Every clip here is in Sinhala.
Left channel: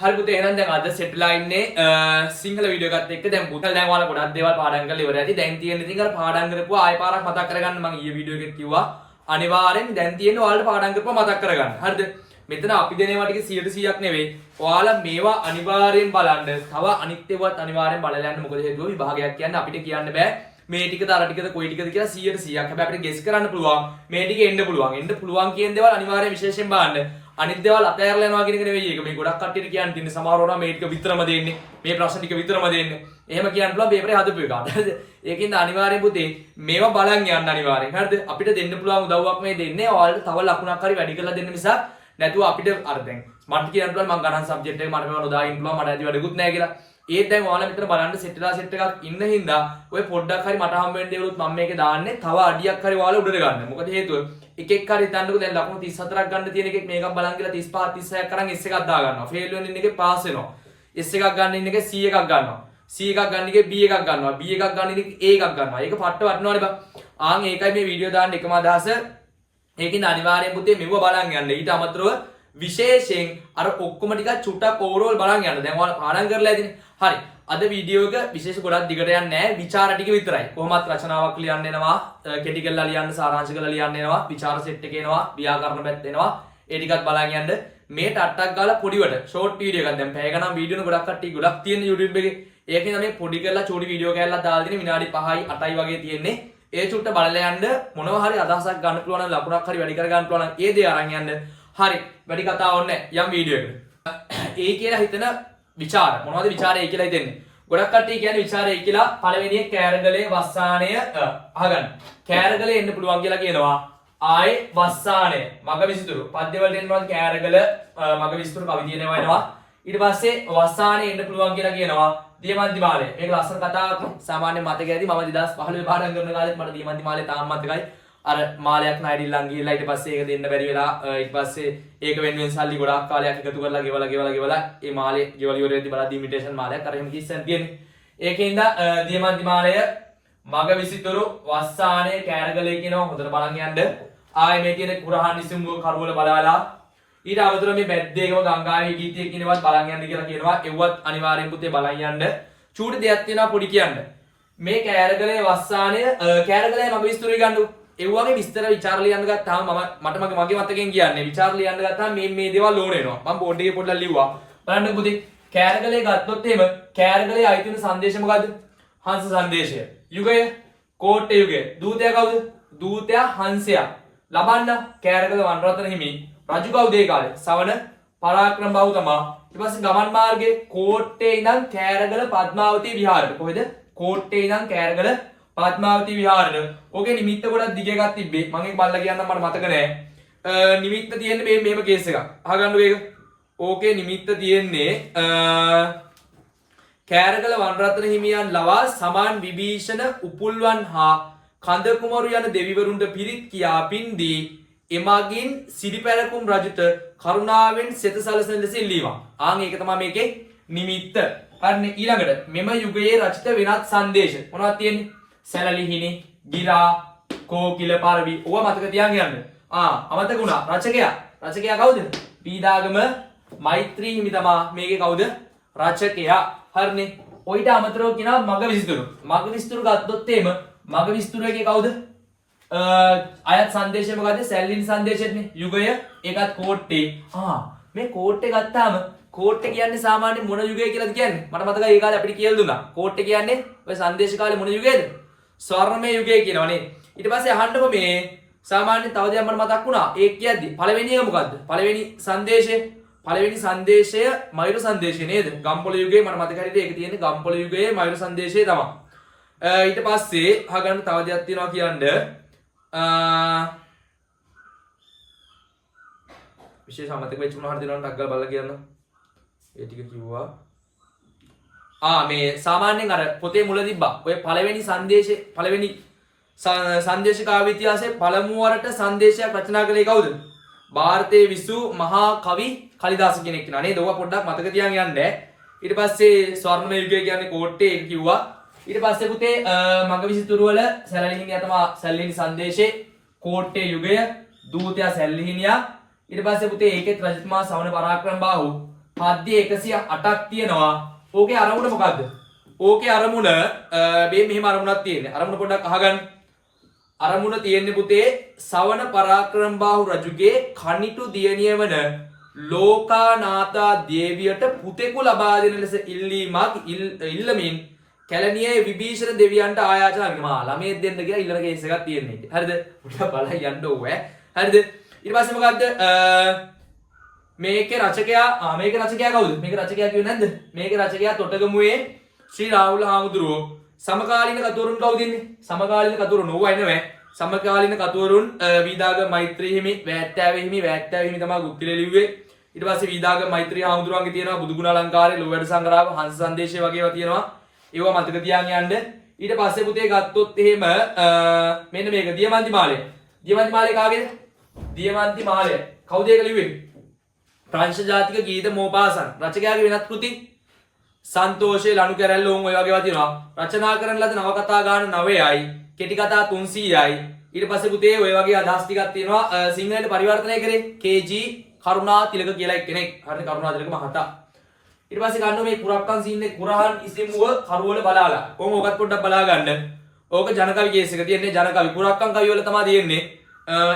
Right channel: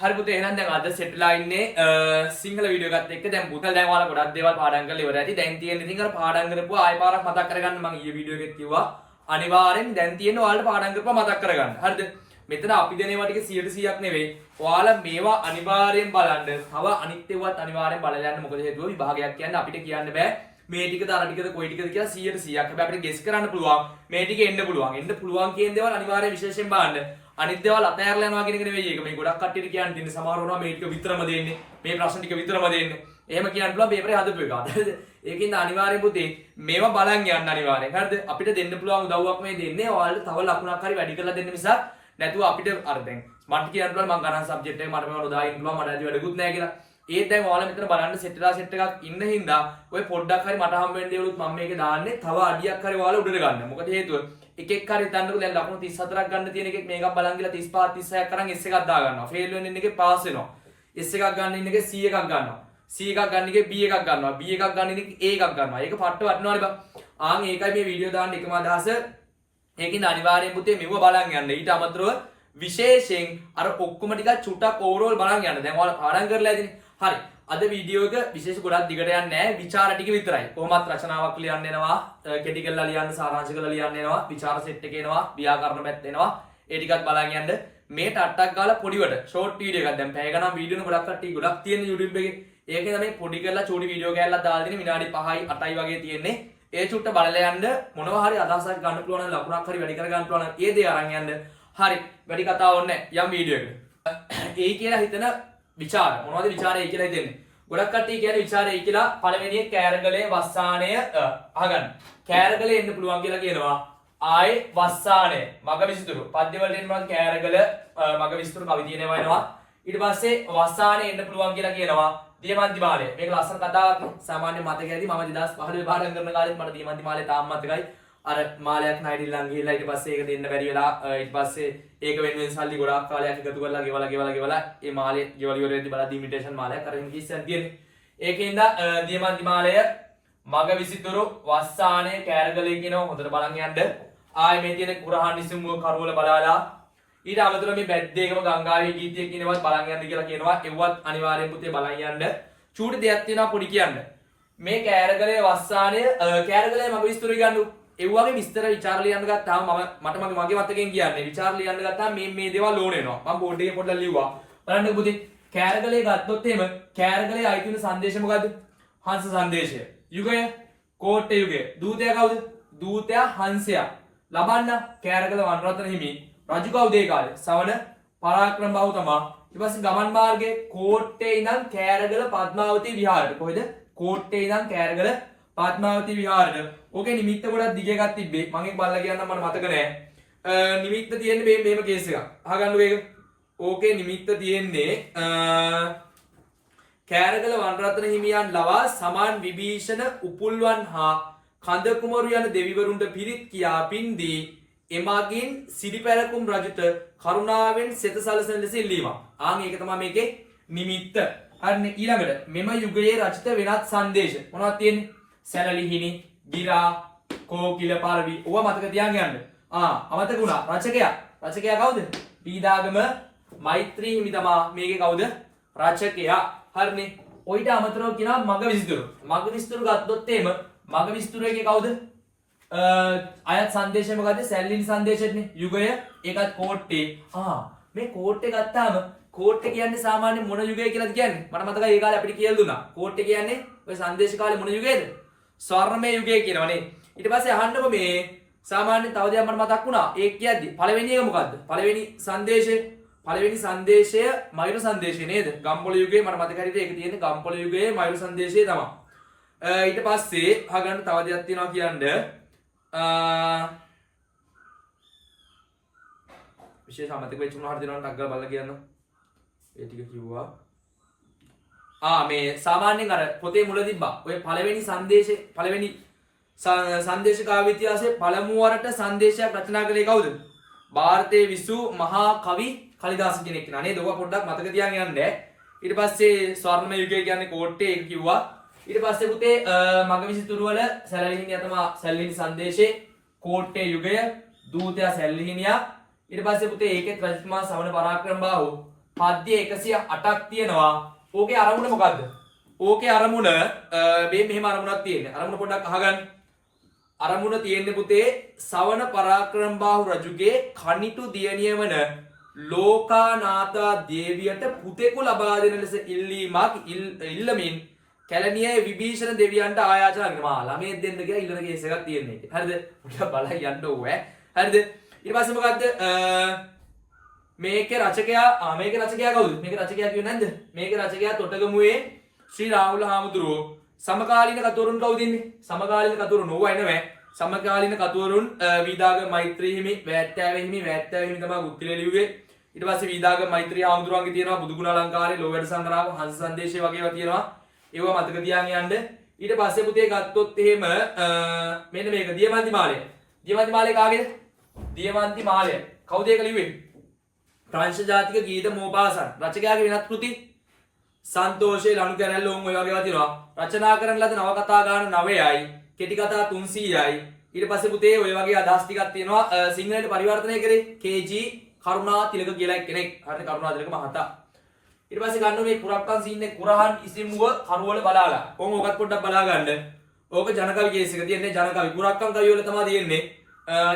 හරි පුතේ එහෙනම් දැන් අද සෙට්ලා ඉන්නේ සිංහල වීඩියෝ එකත් එක්ක දැන් පුතේ දැන් ඔයාලා ගොඩක් දේවල් පාඩම් කරලා ඉවරයි. ඉතින් දැන් තියෙන ඉතින් අර පාඩම් කරපුවා ආයෙ පාරක් මතක් කරගන්න මම ඊයේ වීඩියෝ එකේ කිව්වා. අනිවාර්යෙන් දැන් තියෙන ඔයාලට පාඩම් කරපුවා මතක් කරගන්න. හරිද? මෙතන අපි දෙන ඒවා ටික 100%ක් නෙවෙයි. ඔයාලා මේවා අනිවාර්යෙන් බලන්න. තව අනිත් ඒවාත් අනිවාර්යෙන් බලලා යන්න. මොකද හේතුව විභාගයක් කියන්නේ අපිට කියන්න බෑ. මේ ටිකද අර ටිකද කොයි ටිකද කියලා 100%ක්. හැබැයි අපිට ගෙස් කරන්න පුළුවන්. මේ ටික එන්න පුළුවන්. එන්න පුළුවන් කියන දේවල් අනිවාර්යෙන් විශේෂයෙන් බලන්න. අනිත් දේවල් අතහැරලා යනවා කියන එක නෙවෙයි ඒක. මේ ගොඩක් කට්ටියට කියන්න තියෙන සමහරව වුණා මේ ටික විතරම දෙන්නේ. මේ ප්‍රශ්න ටික විතරම දෙන්නේ. එහෙම කියන්න පුළුවන් පේපරේ හදපු එක. හරිද? ඒකින්ද අනිවාර්යෙන් පුතේ මේවා බලන් යන්න අනිවාර්යෙන්. හරිද? අපිට දෙන්න පුළුවන් උදව්වක් මේ දෙන්නේ. ඔයාලට තව ලකුණක් හරි වැඩි කරලා දෙන්න මිසක් නැතුව අපිට අර දැන් මට කියන්න පුළුවන් මම ගණන් සබ්ජෙක්ට් එක මට මේවා නොදා ඉන්න පුළුවන් මට ඇති වැඩකුත් නැහැ කියලා. ඒත් දැන් ඔයාලා මෙතන බලන්න සෙට්ලා සෙට් එකක් ඉන්න හින්දා ඔය පොඩ්ඩක් හරි මට හම්බ වෙන දේවලුත් මම මේකේ දාන්නේ තව අඩියක් හරි ඔයාලා උඩට ගන්න. මොකද හේතුව එකෙක් හරි හිතන්නකෝ දැන් ලකුණු 34ක් ගන්න තියෙන එකෙක් මේකක් බලන් ගිහලා 35 36ක් අරන් S එකක් දා ගන්නවා. ෆේල් වෙන ඉන්න එකේ පාස් වෙනවා. S එකක් ගන්න ඉන්න එකේ C එකක් ගන්නවා. C එකක් ගන්න එකේ B එකක් ගන්නවා. B එකක් ගන්න ඉන්න එකේ A එකක් ගන්නවා. ඒක පට්ට වටනවනේ බං. ආන් ඒකයි මේ වීඩියෝ දාන්න එකම අදහස. ඒකින්ද අනිවාර්යයෙන් පුතේ මෙව බලන් යන්න. ඊට අමතරව විශේෂයෙන් අර ඔක්කොම ටිකක් චුට්ටක් ඕවරෝල් බලන් යන්න. දැන් ඔයාලා පාඩම් කරලා ඇතිනේ. හරි. අද වීඩියෝ එක විශේෂ ගොඩක් දිගට යන්නේ නැහැ. විචාර ටික විතරයි. කොහොමත් රචනාවක් ලියන්න එනවා, කෙටි කරලා ලියන්න, සාරාංශ කරලා ලියන්න එනවා, විචාර සෙට් එක එනවා, ව්‍යාකරණ පැත්ත එනවා. ඒ ටිකත් බලන් යන්න. මේ ටට්ටක් ගාලා පොඩිවට ෂෝට් වීඩියෝ එකක් දැන් පැය ගණන් වීඩියෝන ගොඩක් කට්ටිය ගොඩක් තියෙන YouTube එකේ. ඒකෙන් තමයි පොඩි කරලා චූටි වීඩියෝ කෑල්ලක් දාලා තියෙන්නේ විනාඩි 5යි 8යි වගේ තියෙන්නේ. ඒ චුට්ට බලලා යන්න මොනවා හරි අදහසක් ගන්න පුළුවන් නම් ලකුණක් හරි වැඩි කර ගන්න පුළුවන් නම් ඒ දේ අරන් යන්න. හරි. වැඩි කතා ඕනේ නැහැ. යම් වීඩියෝ එකකට. ඒ කියලා හිතන විචාර මොනවද විචාරය කියලා හිතන්නේ? ගොඩක් කට්ටිය කියන්නේ විචාරය කියලා පළවෙනියේ කෑරගලේ වස්සානය අහගන්න. කෑරගලේ එන්න පුළුවන් කියලා කියනවා. ආයේ වස්සානය මග විසිතුරු. පද්‍ය වලට එන්න පුළුවන් කෑරගල මග විසිතුරු කවි තියෙනවා එනවා. ඊට පස්සේ වස්සානය එන්න පුළුවන් කියලා කියනවා. දියමන්ති මාලය. මේක ලස්සන කතාවක් නේ. සාමාන්‍ය මතකයි ඇති. මම 2015 පාඩම් කරන කාලෙත් මට දියමන්ති මාලය තාම මතකයි. අර මාලයක් නයිඩිල්ලන් ගිහිල්ලා ඊට පස්සේ ඒක දෙන්න බැරි වෙලා ඊට පස්සේ ඒක වෙනුවෙන් සල්ලි ගොඩාක් කාලයක් එකතු කරලා ගෙවලා ඒ මාලේ ගෙවල ඉවර වෙද්දි බලද්දි ඉමිටේෂන් මාලයක් අර එහෙම කිස්සන් තියෙන්නේ. ඒකෙන්ද දියමන්ති මාලය මග විසිතුරු වස්සානය කෑරගලේ කියනවා හොඳට බලන් යන්න. ආයේ මේ තියෙන කුරහන් විසුමුව කරවල බලලා ඊට අමතරව මේ බැද්දේකම ගංගාවේ ගීතයක් කියනවත් බලන් යන්න කියලා කියනවා. ඒවත් අනිවාර්යෙන් පුතේ බලන් යන්න. චූටි දෙයක් තියෙනවා පොඩි කියන්න. මේ කෑරගලේ වස්සානය කෑරගලේ මග විසිතුරු ගන්නු ඒ වගේ විස්තර විචාර ලියන්න ගත්තාම මට මගේ මතකෙන් කියන්නේ විචාර ලියන්න ගත්තාම මේ දේවල් ඕන වෙනවා. මම බෝඩ් එකේ පොඩ්ඩක් ලිව්වා. බලන්න පුතේ කෑරගලේ ගත්තොත් එහෙම කෑරගලේ අයිති වෙන සංදේශය මොකද්ද? හංස සංදේශය. යුගය කෝට්ටේ යුගය. දූතයා කවුද? දූතයා හංසයා. ලබන්න කෑරගල වනරත්න හිමි. රජු කවුද ඒ කාලේ? සවන පරාක්‍රම බහු තමා. ඊට පස්සේ ගමන් මාර්ගයේ කෝට්ටේ ඉඳන් කෑරගල පද්මාවතී විහාරයට. කොහෙද? කෝට්ටේ ඉඳන් කෑරගල පද්මාවතී විහාරයට. ඕකේ නිමිත්ත ගොඩක් දිග එකක් තිබ්බේ. මම ඒක බලලා කියන්නම් මට මතක නෑ. නිමිත්ත තියෙන්නේ මේ මෙහෙම කේස් එකක්. අහගන්නකෝ ඒක. ඕකේ නිමිත්ත තියෙන්නේ කෑරගල වනරත්න හිමියන් ලවා සමාන් විභීෂණ උපුල්වන් හා කඳ කුමරු යන දෙවිවරුන්ට පිරිත් කියා පින්දී එමගින් සිරිපැරකුම් රජුට කරුණාවෙන් සෙත සලසන ලෙස ඉල්ලීමක්. ආන් ඒක තමයි මේකේ නිමිත්ත. හරිනේ ඊළඟට මෙම යුගයේ රචිත වෙනත් සංදේශ මොනවද තියෙන්නේ? සැලලිහිණි, ගිරා, කෝකිල පරවි. ඕවා මතක තියාගෙන යන්න. අමතක වුණා. රචකයා කවුද? පීදාගම මෛත්‍රී හිමි තමා මේකේ කවුද? රචකයා. හරිනේ. ඔයිට අමතරව කියනවා මග විසිතුරු. මග විසිතුරු ගත්තොත් එහෙම මග විසිතුරු එකේ කවුද? අයත් සංදේශය මොකද්ද? සැලලිහිණි සංදේශෙත්නේ. යුගය ඒකත් කෝට්ටේ. මේ කෝට්ටේ ගත්තාම කෝට්ටේ කියන්නේ සාමාන්‍ය මොන යුගය කියලාද කියන්නේ? මට මතකයි ඒ කාලේ අපිට කියලා දුන්නා. කෝට්ටේ කියන්නේ ඔය සංදේශ කාලේ මොන යුගයේද? ස්වර්ණමය යුගය කියනවනේ. ඊට පස්සේ අහන්නකො මේ සාමාන්‍යයෙන් තව දෙයක් මට මතක් වුණා. ඒක කියද්දි පළවෙනි එක මොකද්ද? පළවෙනි සංදේශය මයුර සංදේශය නේද? ගම්පොළ යුගයේ මට මතක හරියට ඒක තියෙන්නේ ගම්පොළ යුගයේ මයුර සංදේශය තමයි. ඊට පස්සේ අහගන්න තව දෙයක් තියෙනවා කියන්න. විශේෂ අමතක වෙච්ච මොනවා හරි දෙනවා ටග්ගල් බලලා කියන්න. ඒ ටික කිව්වා. මේ සාමාන්‍යයෙන් අර පොතේ මුල තිබ්බා. ඔය පළවෙනි සංදේශ කාව්‍ය ඉතිහාසයේ පළමු වරට සංදේශයක් රචනා කළේ කවුද? ಭಾರತයේ විසු මහා කවි කලිදාස කෙනෙක් කෙනා නේද? ඔවා පොඩ්ඩක් මතක තියාගෙන යන්න. ඊට පස්සේ ස්වර්ණ යුගය කියන්නේ කෝට්ටේ ඒක කිව්වා. ඊට පස්සේ පුතේ මග විසිතුරු වල සැලලිහිණියා තමයි සැලලිහිණි සංදේශේ, කෝට්ටේ යුගය, දූතයා සැලලිහිණියා. ඊට පස්සේ පුතේ ඒකෙත් රජතුමා සවන පරාක්‍රම බාහු පද්‍ය 108ක් තියෙනවා. ඕකේ අරමුණ මොකද්ද? ඕකේ අරමුණ මේ මෙහෙම අරමුණක් තියෙන්නේ. අරමුණ පොඩ්ඩක් අහගන්න. අරමුණ තියෙන්නේ පුතේ සවන පරාක්‍රමබාහු රජුගේ කනිටු දියණිය වන ලෝකානාථා දේවියට පුතෙකු ලබා දෙන ලෙස ඉල්ලමින් කැලණියේ විභීෂණ දෙවියන්ට ආයාචනා කරනවා. ළමේ දෙන්න කියලා ඉල්ලන කේස් එකක් තියෙන්නේ. හරිද? පොඩ්ඩක් බලන්න යන්න ඕවා. හරිද? ඊට පස්සේ මොකද්ද? මේකේ රචකයා මේකේ රචකයා කවුද? මේකේ රචකයා කියුවේ නැද්ද? මේකේ රචකයා තොටගමුවේ ශ්‍රී රාහුල හාමුදුරුවෝ. සමකාලීන කතුවරුන් කවුද ඉන්නේ? සමකාලීන කතුවරුන් ඕවා එනවෑ. සමකාලීන කතුවරුන් වීදාගම මෛත්‍රී හිමි, වැට්ටාවේ හිමි තමයි ගුත්තිලේ ලිව්වේ. ඊට පස්සේ වීදාගම මෛත්‍රී හාමුදුරුවන්ගේ තියෙනවා බුදුගුණ අලංකාරය, ලෝවැඩ සංග්‍රහව, හංස සංදේශය වගේ ඒවා තියෙනවා. ඒවා මතක තියාගෙන යන්න. ඊට පස්සේ පුතේ ගත්තොත් එහෙම මෙන්න මේක දියමන්ති මාලය. දියමන්ති මාලය කාගේද? දියමන්ති මාලය. කවුද ඒක ලිව්වේ? ප්‍රංශ ජාතික ගීත මෝපාසන්. රචකයාගේ වෙනත් කෘති සන්තෝෂේ ලනු කැරැල්ල ඔය වගේ ඒවා තියෙනවා. රචනා කරන ලද නවකථා ගාන 9යි, කෙටි කතා 300යි. ඊට පස්සේ පුතේ ඔය වගේ අදහස් ටිකක් තියෙනවා. සිංහලට පරිවර්තනය කරේ KG කරුණා තිලක කියලා කෙනෙක්. හරිද? කරුණා තිලක මහතා. ඊට පස්සේ ගන්න මේ කුරක්කන් සීන්නේ කුරහන් ඉසිමුව කරුවල බලාලා. කොහොම ඕකත් පොඩ්ඩක් බලා ගන්න. ඕක ජනකවි කේස් එක තියෙන්නේ ජනකවි. කුරක්කන් කවි වල තමයි තියෙන්නේ.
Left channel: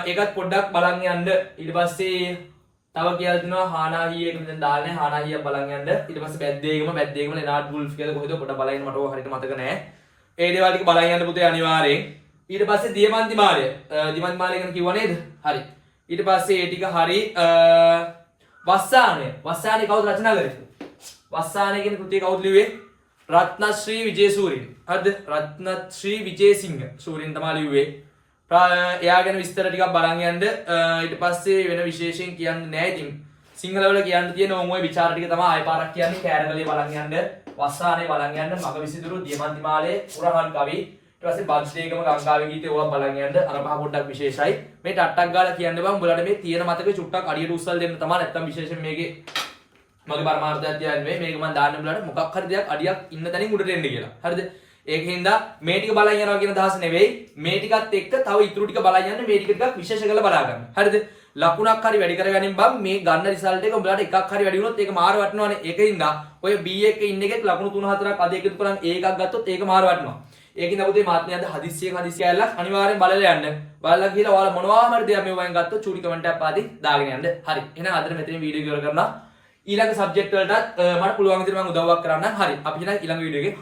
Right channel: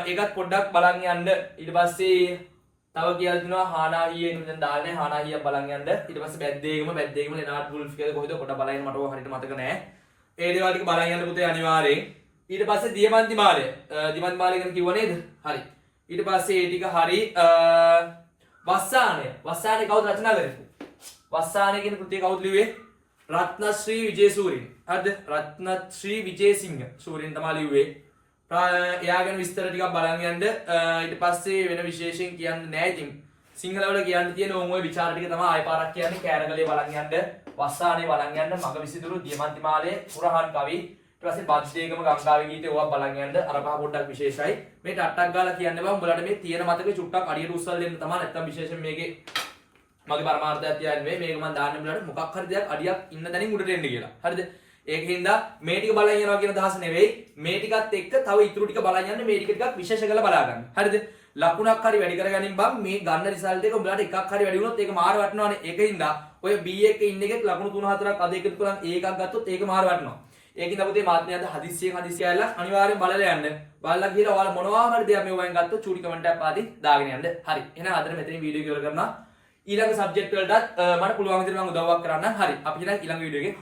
ඒකත් පොඩ්ඩක් බලන් යන්න. ඊට පස්සේ තව කියලා දිනවා හානාහියේ මෙතන දාන්නේ හානාහිය බලන් යන්න. ඊට පස්සේ බැද්දේගම ලෙනාඩ් වුල්ෆ් කියලා කොහෙද පොඩ්ඩක් බලන් යන්න මට ඕක හරියට මතක නැහැ. ඒ දේවල් ටික බලන් යන්න පුතේ අනිවාර්යෙන්. ඊට පස්සේ දියමන්ති මාලය. දියමන්ති මාලය ගැන කිව්වා නේද? හරි. ඊට පස්සේ ඒ ටික හරි වස්සානය. වස්සානය කවුද රචනා කරේ? වස්සානය කියන කෘතිය කවුද ලිව්වේ? රත්නශ්‍රී විජේසූරින්. හරිද? රත්නශ්‍රී විජේසිංහ සූරින් තමයි ලිව්වේ. එයා ගැන විස්තර ටිකක් බලන් යන්න. ඊට පස්සේ වෙන විශේෂයෙන් කියන්න නෑ. ඉතින් සිංහල වල කියන්න තියෙන ඔය විචාර ටික තමයි ආයෙ පාරක් කියන්නේ. කෑරගලේ බලන් යන්න, වස්සානේ බලන් යන්න, මග විසිතුරු, දියමන්ති මාලේ, පුරහන් කවි, ඊට පස්සේ බද්දේගම ගංගාවේ ගීතේ ඕවා බලන් යන්න. අර පහ පොඩ්ඩක් විශේෂයි. මේ ටට්ටක් ගාලා කියන්න බෑ. උඹලට මේ තියෙන මතකේ චුට්ටක් අඩියට උස්සල් දෙන්න තමයි. නැත්තම් විශේෂයෙන් මේකේ මගේ පරමාර්ථයක් කියන්නේ මේක මම දාන්න උඹලට මොකක් හරි දෙයක් අඩියක් ඉන්න තැනින් උඩට එන්න කියලා. හරිද? ඒකින් හින්දා මේ ටික බලන් යනවා කියන අදහස නෙවෙයි. මේ ටිකත් එක්ක තව ඉතුරු ටික බලන් යන්න. මේ ටික ටිකක් විශේෂ කරලා බලා ගන්න. හරිද? ලකුණක් හරි වැඩි කරගනින් බම් මේ ගන්න රිසල්ට් එක උඹලට එකක් හරි වැඩි වුණොත් ඒක මාර වටනවානේ. ඒකින් හින්දා ඔය B එකේ ඉන්න එකෙක් ලකුණු 3-4ක් අද එකතු කරන් ඒකක් ගත්තොත් ඒක මාර වටනවා. ඒකින් අපුතේ මාත්මය අද හදිස්සියෙන් ඇල්ලක් අනිවාර්යෙන් බලලා යන්න. බලලා ගිහලා ඔයාලා මොනවා හරි දෙයක් මේ වයින් ගත්තොත් චූටි කමෙන්ට් එකක් පාදී දාගෙන යන්න. හරි. එහෙනම් අදට මෙතනින් වීඩියෝ ඉවර කරනවා. ඊළඟ සබ්ජෙක්ට් වලටත් මට පුළුවන් විදිහට මම උදව්වක් කරන්නම්. හරි. අපි එහෙනම් ඊළඟ වීඩියෝ එකේ